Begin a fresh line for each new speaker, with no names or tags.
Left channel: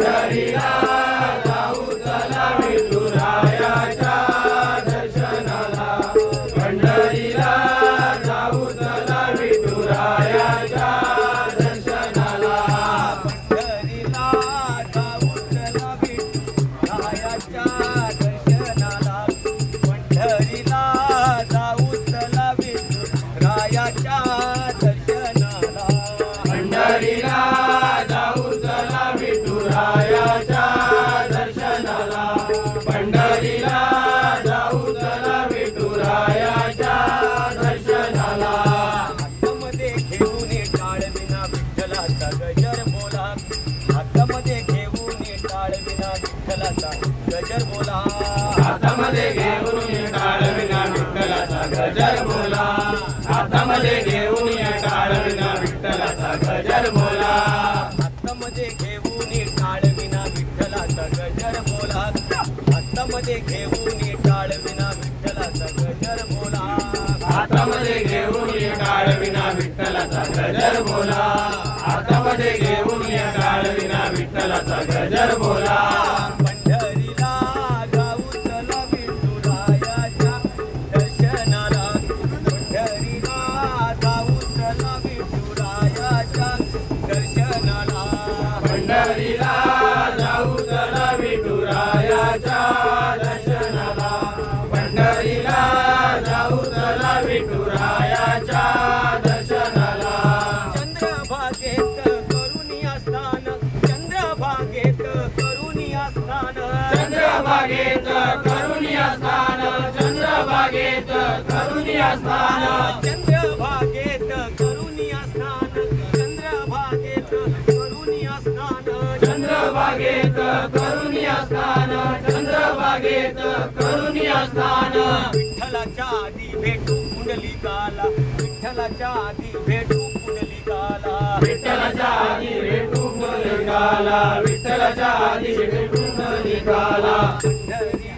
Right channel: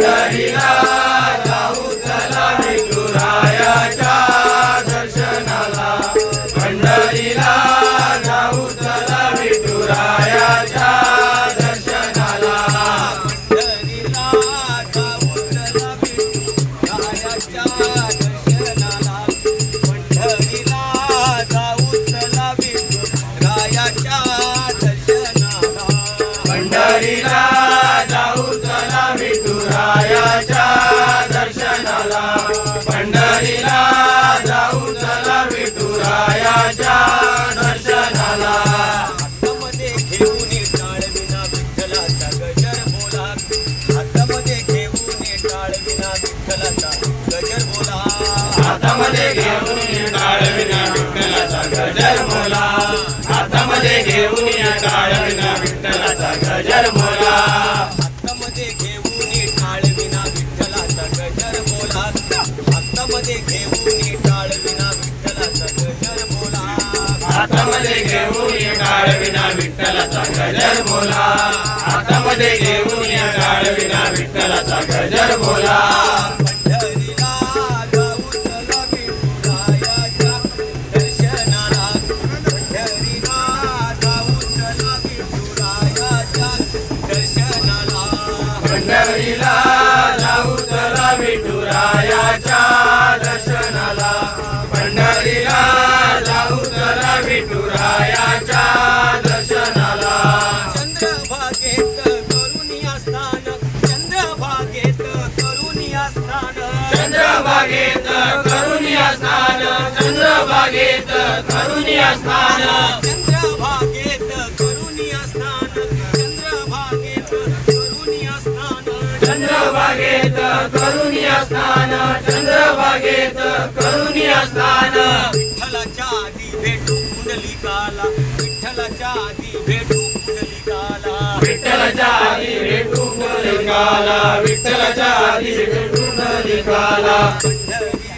Daddy.
पंढरीला
हातामध्ये घेऊन टाळविना विठ्ठलाचा गजर बोला. हातामध्ये घेऊन टाळविना विठ्ठलाचा गजर बोला.
हातामध्ये घेऊन टाळविना विठ्ठलाचा गजर बोला.
पंढरीला जाऊ चला विठुरायाच्या दर्शनाला. पंढरीला जाऊ चला विठुरायाच्या दर्शनाला.
पंढरीला जाऊ पंढरीला जाऊ चला विठुरायाच्या दर्शनाला.
चंद्रभागेत करुणी असतान चंद्रभागेत करुणी असतान
चंद्रभागेत करुणिया स्नान चंद्रभागेत करुणिया स्नान
चंद्रभागेत करुणी असतान चंद्रभागेत करुणी असतान
चंद्रभागेत करुणिया स्नान चंद्रभागेत करुणिया स्नान
विठ्ठलाच्या आधी भेटू कुंडलिकाला विठ्ठलाच्या आधी भेटू कुंडलिकाला
विठ्ठलाच्या आधी भेटू पुंडलिकाला विठ्ठलाच्या आधी भेटू पुंडलिकाला
पंढरी